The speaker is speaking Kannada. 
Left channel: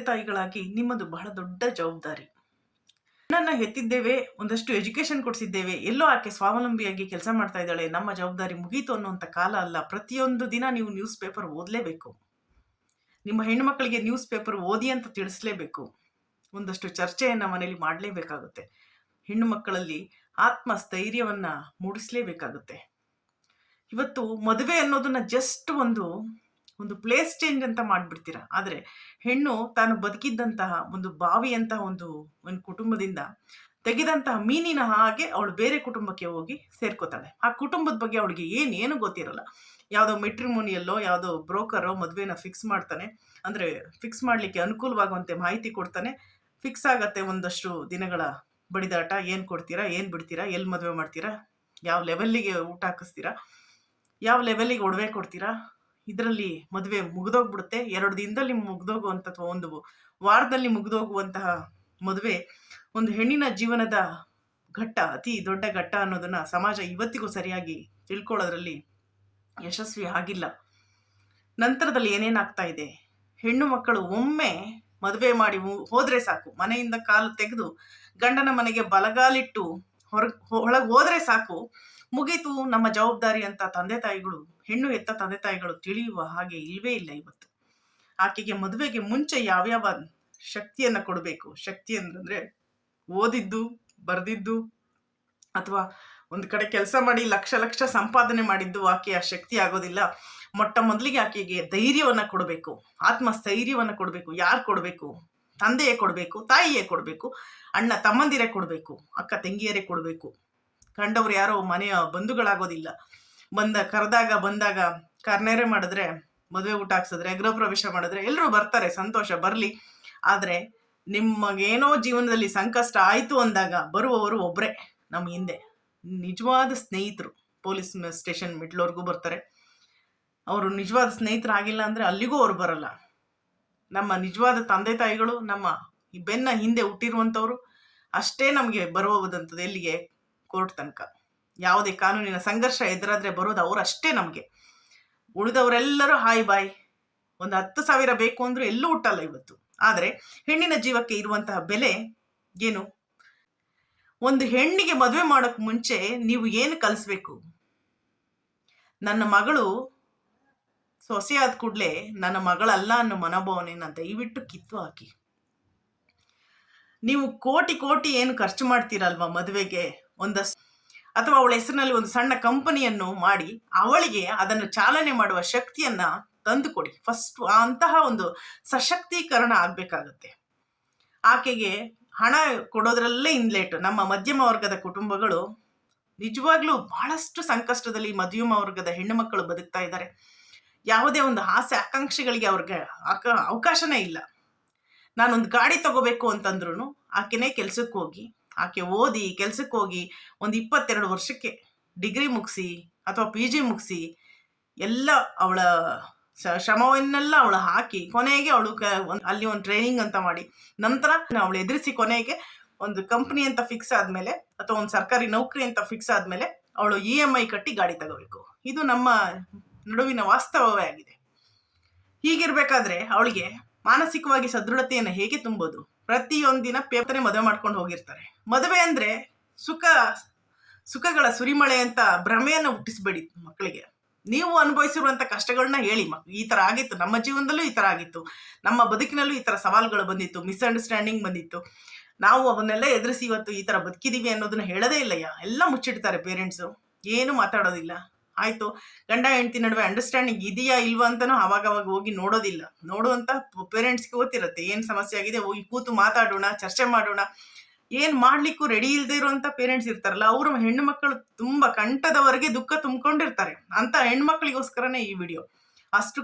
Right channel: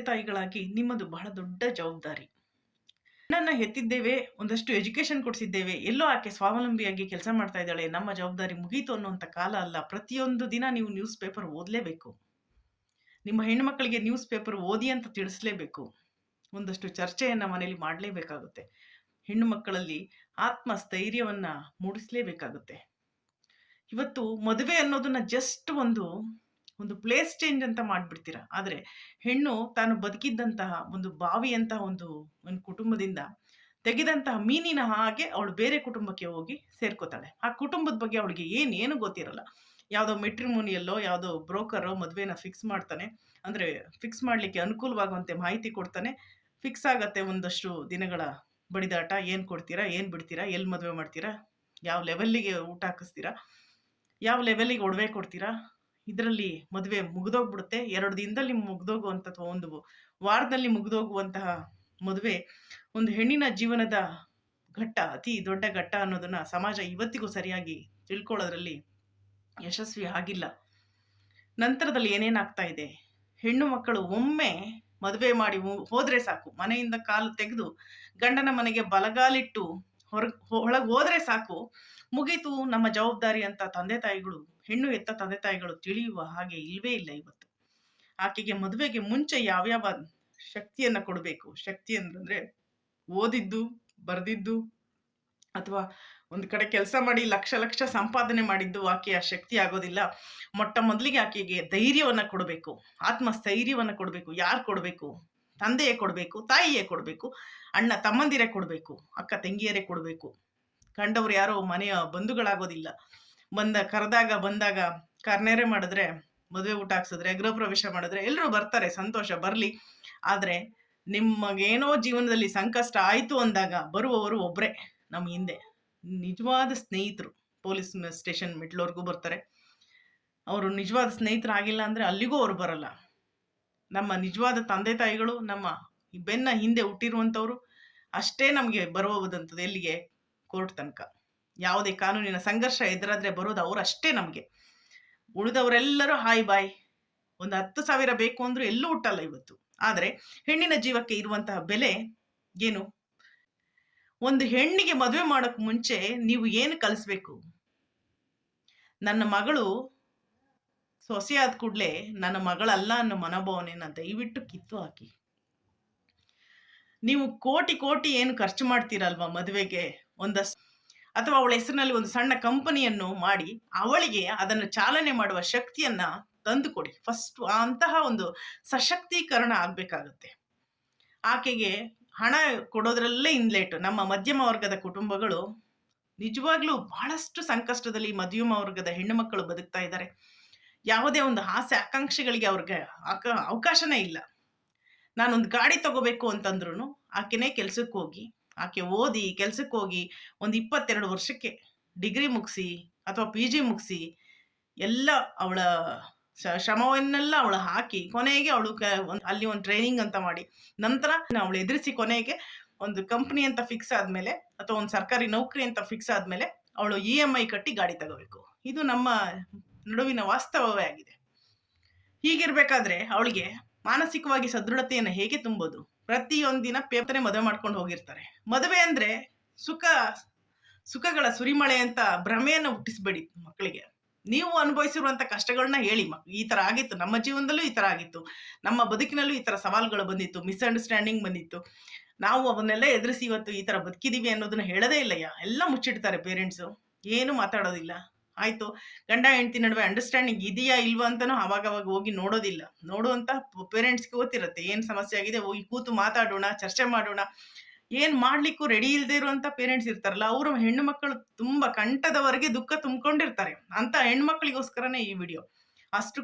ತಂದೆ ತಾಯಿಗಳಾಗಿ ನಿಮ್ಮದು ಬಹಳ ದೊಡ್ಡ ಜವಾಬ್ದಾರಿ. ಹೆಣ್ಣನ್ನ ಹೆತ್ತಿದ್ದೇವೆ, ಒಂದಷ್ಟು ಎಜುಕೇಶನ್ ಕೊಡಿಸಿದ್ದೇವೆ, ಎಲ್ಲೋ ಆಕೆ ಸ್ವಾವಲಂಬಿಯಾಗಿ ಕೆಲಸ ಮಾಡ್ತಾ ಇದ್ದಾಳೆ, ನಮ್ಮ ಜವಾಬ್ದಾರಿ ಮುಗೀತು ಅನ್ನುವಂಥ ಕಾಲ ಅಲ್ಲ. ಪ್ರತಿಯೊಂದು ದಿನ ನೀವು ನ್ಯೂಸ್ ಪೇಪರ್ ಓದಲೇಬೇಕು. ನಿಮ್ಮ ಹೆಣ್ಣು ಮಕ್ಕಳಿಗೆ ನ್ಯೂಸ್ ಪೇಪರ್ ಓದಿ ಅಂತ ತಿಳಿಸ್ಲೇಬೇಕು. ಒಂದಷ್ಟು ಚರ್ಚೆಯನ್ನ ಮನೆಯಲ್ಲಿ ಮಾಡಲೇಬೇಕಾಗುತ್ತೆ. ಹೆಣ್ಣು ಮಕ್ಕಳಲ್ಲಿ ಆತ್ಮಸ್ಥೈರ್ಯವನ್ನ ಮೂಡಿಸಲೇಬೇಕಾಗುತ್ತೆ. ಇವತ್ತು ಮದುವೆ ಅನ್ನೋದನ್ನ ಜಸ್ಟ್ ಒಂದು ಪ್ಲೇಸ್ ಚೇಂಜ್ ಅಂತ ಮಾಡ್ಬಿಡ್ತೀರಾ. ಆದ್ರೆ ಹೆಣ್ಣು ತಾನು ಬದುಕಿದ್ದಂತಹ ಒಂದು ಬಾವಿಯಂತಹ ಒಂದು ಕುಟುಂಬದಿಂದ ತೆಗೆದಂತಹ ಮೀನಿನ ಹಾಗೆ ಅವಳು ಬೇರೆ ಕುಟುಂಬಕ್ಕೆ ಹೋಗಿ ಸೇರ್ಕೋತಾಳೆ. ಆ ಕುಟುಂಬದ ಬಗ್ಗೆ ಅವಳಿಗೆ ಏನು ಗೊತ್ತಿರಲ್ಲ. ಯಾವುದೋ ಮೆಟ್ರಿಮೋನಿಯಲ್ಲೋ ಯಾವುದೋ ಬ್ರೋಕರೋ ಮದುವೆನ ಫಿಕ್ಸ್ ಮಾಡ್ತಾನೆ. ಅಂದ್ರೆ ಫಿಕ್ಸ್ ಮಾಡ್ಲಿಕ್ಕೆ ಅನುಕೂಲವಾಗುವಂತೆ ಮಾಹಿತಿ ಕೊಡ್ತಾನೆ. ಫಿಕ್ಸ್ ಆಗತ್ತೆ ಒಂದಷ್ಟು ದಿನಗಳ ಬಡಿದಾಟ. ಏನ್ ಕೊಡ್ತೀರಾ, ಏನ್ ಬಿಡ್ತೀರಾ, ಎಲ್ಲಿ ಮದುವೆ ಮಾಡ್ತೀರಾ, ಯಾವ ಲೆವೆಲ್ಲಿಗೆ ಊಟ ಹಾಕಿಸ್ತೀರಾ, ಯಾವ ಲೆವೆಲ್ಲಿಗೆ ಒಡವೆ ಕೊಡ್ತೀರಾ, ಇದರಲ್ಲಿ ಮದುವೆ ಮುಗಿದೋಗ್ಬಿಡುತ್ತೆ. 2 ದಿನದಲ್ಲಿ ಮುಗ್ದೋಗುವಂಥ ಅಥವಾ 1 ವಾರದಲ್ಲಿ ಮುಗಿದೋಗುವಂತಹ ಮದುವೆ ಒಂದು ಹೆಣ್ಣಿನ ಜೀವನದ ಘಟ್ಟ, ಅತಿ ದೊಡ್ಡ ಘಟ್ಟ ಅನ್ನೋದನ್ನ ಸಮಾಜ ಇವತ್ತಿಗೂ ಸರಿಯಾಗಿ ತಿಳ್ಕೊಳ್ಳೋದ್ರಲ್ಲಿ ಯಶಸ್ವಿ ಆಗಿಲ್ಲ. ನಂತರದಲ್ಲಿ ಏನೇನಾಗ್ತಾ ಇದೆ, ಹೆಣ್ಣು ಮಕ್ಕಳು ಒಮ್ಮೆ ಮದುವೆ ಮಾಡಿ ಹೋದ್ರೆ ಸಾಕು, ಮನೆಯಿಂದ ಕಾಲು ತೆಗೆದು ಗಂಡನ ಮನೆಗೆ ಬಲಗಾಲಿಟ್ಟು ಒಳಗೆ ಹೋದ್ರೆ ಸಾಕು, ಮುಗೀತು ನಮ್ಮ ಜವಾಬ್ದಾರಿ ಅಂತ ತಂದೆ ತಾಯಿಗಳು, ಹೆಣ್ಣು ಎತ್ತ ತಂದೆ ತಾಯಿಗಳು ತಿಳಿಯುವ ಹಾಗೆ ಇಲ್ವೇ ಇಲ್ಲ ಇವತ್ತು. ಆಕೆಗೆ ಮದುವೆಗೆ ಮುಂಚೆ ಯಾವ್ಯಾವ ಶಕ್ತಿಯನ್ನ ಕೊಡಬೇಕು. ಶಕ್ತಿ ಅಂತಂದ್ರೆ ಓದಿದ್ದು, ಬರ್ದಿದ್ದು, ಅಥವಾ ಒಂದು ಕಡೆ ಕೆಲಸ ಮಾಡಿ ಲಕ್ಷ ಲಕ್ಷ ಸಂಪಾದನೆ ಮಾಡಿದ್ದು ಆಕೆಯ ಶಕ್ತಿ ಆಗೋದಿಲ್ಲ. ಮೊಟ್ಟ ಮೊದಲಿಗೆ ಆಕೆಗೆ ಧೈರ್ಯವನ್ನ ಕೊಡಬೇಕು, ಆತ್ಮಸ್ಥೈರ್ಯವನ್ನ ಕೊಡಬೇಕು. ಯಾರು ಕೊಡಬೇಕು? ತಂದೆಯೇ ಕೊಡಬೇಕು, ತಾಯಿಯೇ ಕೊಡಬೇಕು, ಅಣ್ಣ ತಮ್ಮಂದಿರೇ ಕೊಡಬೇಕು, ಅಕ್ಕ ತಂಗಿಯರೇ ಕೊಡಬೇಕು. ಕಂಡವ್ರು ಯಾರೋ ಮನೆಯ ಬಂಧುಗಳಾಗೋದಿಲ್ಲ. ಕರೆದಾಗ ಬಂದಾಗ ಕಾರ್ನೇರೆ ಮಾಡಿದ್ರೆ, ಮದುವೆ ಊಟ ಹಾಕ್ಸಿದ್ರೆ, ಗೃಹ ಪ್ರವೇಶ ಮಾಡಿದ್ರೆ ಎಲ್ಲರೂ ಬರ್ತಾರೆ, ಸಂತೋಷ ಬರ್ಲಿ. ಆದ್ರೆ ನಿಮಗೇನೋ ಜೀವನದಲ್ಲಿ ಸಂಕಷ್ಟ ಆಯ್ತು ಅಂದಾಗ ಬರುವವರು ಒಬ್ರೆ ನಮ್ಮ ಹಿಂದೆ. ನಿಜವಾದ ಸ್ನೇಹಿತರು ಪೊಲೀಸ್ ಸ್ಟೇಷನ್ ಮೆಟ್ಲವರೆಗೂ ಬರ್ತಾರೆ. ಅವರು ನಿಜವಾದ ಸ್ನೇಹಿತರು ಆಗಿಲ್ಲ ಅಂದ್ರೆ ಅಲ್ಲಿಗೂ ಅವ್ರು ಬರಲ್ಲ. ನಮ್ಮ ನಿಜವಾದ ತಂದೆ ತಾಯಿಗಳು, ನಮ್ಮ ಬೆನ್ನ ಹಿಂದೆ ಹುಟ್ಟಿರುವಂಥವ್ರು ಅಷ್ಟೇ ನಮಗೆ ಬರುವುದಂಥದ್ದು. ಎಲ್ಲಿಗೆ? ಕೋರ್ಟ್ ತನಕ. ಯಾವುದೇ ಕಾನೂನಿನ ಸಂಘರ್ಷ ಎದುರಾದ್ರೆ ಬರೋದು ಅವ್ರು ಅಷ್ಟೇ ನಮಗೆ. ಉಳಿದವರೆಲ್ಲರೂ ಹಾಯ್ ಬಾಯ್. 10,000 ಬೇಕು ಅಂದ್ರೂ ಎಲ್ಲೂ ಹುಟ್ಟಲ್ಲ ಇವತ್ತು. ಆದ್ರೆ ಹೆಣ್ಣಿನ ಜೀವಕ್ಕೆ ಇರುವಂತಹ ಬೆಲೆ ಏನು? ಒಂದು ಹೆಣ್ಣಿಗೆ ಮದುವೆ ಮಾಡೋಕ್ ಮುಂಚೆ ನೀವು ಏನು ಕಲಿಸ್ಬೇಕು? ನನ್ನ ಮಗಳು ಸೊಸೆಯಾದ ಕೂಡ್ಲೆ ನನ್ನ ಮಗಳಲ್ಲ ಅನ್ನೋ ಮನೋಭಾವನೆನ ದಯವಿಟ್ಟು ಕಿತ್ತು ಹಾಕಿ. ನೀವು ಕೋಟಿ ಏನು ಖರ್ಚು ಮಾಡ್ತೀರಲ್ವಾ ಮದುವೆಗೆ, ಅಥವಾ ಅವಳ ಹೆಸರಿನಲ್ಲಿ ಒಂದು ಸಣ್ಣ ಕಂಪನಿಯನ್ನು ಮಾಡಿ ಅವಳಿಗೆ ಅದನ್ನು ಚಾಲನೆ ಮಾಡುವ ಶಕ್ತಿಯನ್ನ ತಂದುಕೊಡಿ. ಫಸ್ಟ್ ಅಂತಹ ಒಂದು ಸಶಕ್ತೀಕರಣ ಆಗ್ಬೇಕಾಗುತ್ತೆ. ಆಕೆಗೆ ಹಣ ಕೊಡೋದ್ರಲ್ಲೇ ಇನ್ಲೇಟ್. ನಮ್ಮ ಮಧ್ಯಮ ವರ್ಗದ ಕುಟುಂಬಗಳು ನಿಜವಾಗ್ಲೂ ಬಹಳಷ್ಟು ಸಂಕಷ್ಟದಲ್ಲಿ ಮಧ್ಯಮ ವರ್ಗದ ಹೆಣ್ಣು ಮಕ್ಕಳು ಬದುಕ್ತಾ ಇದ್ದಾರೆ. ಯಾವುದೇ ಒಂದು ಆಸೆ ಆಕಾಂಕ್ಷೆಗಳಿಗೆ ಅವ್ರಿಗೆ ಅವಕಾಶನೇ ಇಲ್ಲ. ನಾನೊಂದು ಗಾಡಿ ತಗೋಬೇಕು ಅಂತಂದ್ರು ಆಕೆನೇ ಕೆಲ್ಸಕ್ಕೆ ಹೋಗಿ, ಆಕೆ ಓದಿ ಕೆಲ್ಸಕ್ಕೆ ಹೋಗಿ 22 ವರ್ಷಕ್ಕೆ ಡಿಗ್ರಿ ಮುಗಿಸಿ ಅಥವಾ PG ಮುಗಿಸಿ ಎಲ್ಲ ಅವಳ ಶ್ರಮವನ್ನೆಲ್ಲ ಅವಳು ಹಾಕಿ ಕೊನೆಗೆ ಅವಳು ಅಲ್ಲಿ ಒಂದು ಟ್ರೈನಿಂಗ್ ಅಂತ ಮಾಡಿ ನಂತರ ಅವಳು ಎದುರಿಸಿ ಕೊನೆಗೆ ಒಂದು ಕಂಪ್ನಿ ಅಂತ ಫಿಕ್ಸ್ ಆದ್ಮೇಲೆ ಅಥವಾ ಒಂದು ಸರ್ಕಾರಿ ನೌಕರಿ ಅಂತ ಫಿಕ್ಸ್ ಆದ್ಮೇಲೆ ಅವಳು EMI ಕಟ್ಟಿ ಗಾಡಿ ತಗೋಬೇಕು. ಇದು ನಮ್ಮ ನಡುವಿನ ವಾಸ್ತವವೇ ಆಗಿದೆ. ಹೀಗಿರ್ಬೇಕಾದ್ರೆ ಅವಳಿಗೆ ಮಾನಸಿಕವಾಗಿ ಸದೃಢತೆಯನ್ನು ಹೇಗೆ ತುಂಬೋದು? ಪ್ರತಿಯೊಂದಿನ ಪೇಪರ್ನೇ ಮದುವೆ ಮಾಡ್ಕೊಂಡು ಹೋಗಿರ್ತಾರೆ. ಮದುವೆ ಅಂದ್ರೆ ಸುಖಗಳ ಸುರಿಮಳೆ ಅಂತ ಭ್ರಮೆಯನ್ನು ಹುಟ್ಟಿಸ್ಬೇಡಿ ಮಕ್ಕಳಿಗೆ. ನೀವು ಅನುಭವಿಸಿರುವಂತ ಕಷ್ಟಗಳನ್ನ ಹೇಳಿ. ಈ ತರ ಆಗಿತ್ತು, ನಮ್ಮ ಜೀವನದಲ್ಲೂ ಈ ತರ ಆಗಿತ್ತು, ನಮ್ಮ ಬದುಕಿನಲ್ಲೂ ಈ ತರ ಸವಾಲುಗಳು ಬಂದಿತ್ತು, ಮಿಸ್ಅಂಡರ್ಸ್ಟ್ಯಾಂಡಿಂಗ್ ಬಂದಿತ್ತು, ನಾವು ಅವನ್ನೆಲ್ಲ ಎದುರಿಸಿ ಇವತ್ತು ಈ ತರ ಬದುಕಿದೀವಿ ಅನ್ನೋದನ್ನ ಹೇಳದೇ ಇಲ್ಲ. ಎಲ್ಲ ಮುಚ್ಚಿಡ್ತಾರೆ ಪೇರೆಂಟ್ಸು, ಏನು ಮಾತಾಡೋದಿಲ್ಲ. ಆಯ್ತು, ಗಂಡ ಹೆಂಡತಿ ನಡುವೆ ಅಂಡರ್ಸ್ಟ್ಯಾಂಡಿಂಗ್ ಇದೆಯಾ ಇಲ್ವಾ ಅಂತಾನು ಅವಾಗವಾಗ ಹೋಗಿ ನೋಡೋದಿಲ್ಲ. ನೋಡುವಂತ ಪೇರೆಂಟ್ಸ್ಗೆ ಗೊತ್ತಿರುತ್ತೆ ಏನ್ ಸಮಸ್ಯೆ ಆಗಿದೆ, ಹೋಗಿ ಕೂತು ಮಾತಾಡೋಣ, ಚರ್ಚೆ ಮಾಡೋಣ. ಏನ್ ಮಾಡ್ಲಿಕ್ಕೂ ರೆಡಿ ಇಲ್ಲದೆ ಇರುವಂತ ಪೇರೆಂಟ್ಸ್ ಇರ್ತಾರಲ್ಲ, ಅವರು ಹೆಣ್ಣು ಮಕ್ಕಳು ತುಂಬಾ ಕಂಠದವರೆಗೆ ದುಃಖ ತುಂಬಿಕೊಂಡಿರ್ತಾರೆ. ಅಂತ ಹೆಣ್ಮಕ್ಳಿಗೋಸ್ಕರನೇ ಈ ವಿಡಿಯೋ. ಅಷ್ಟು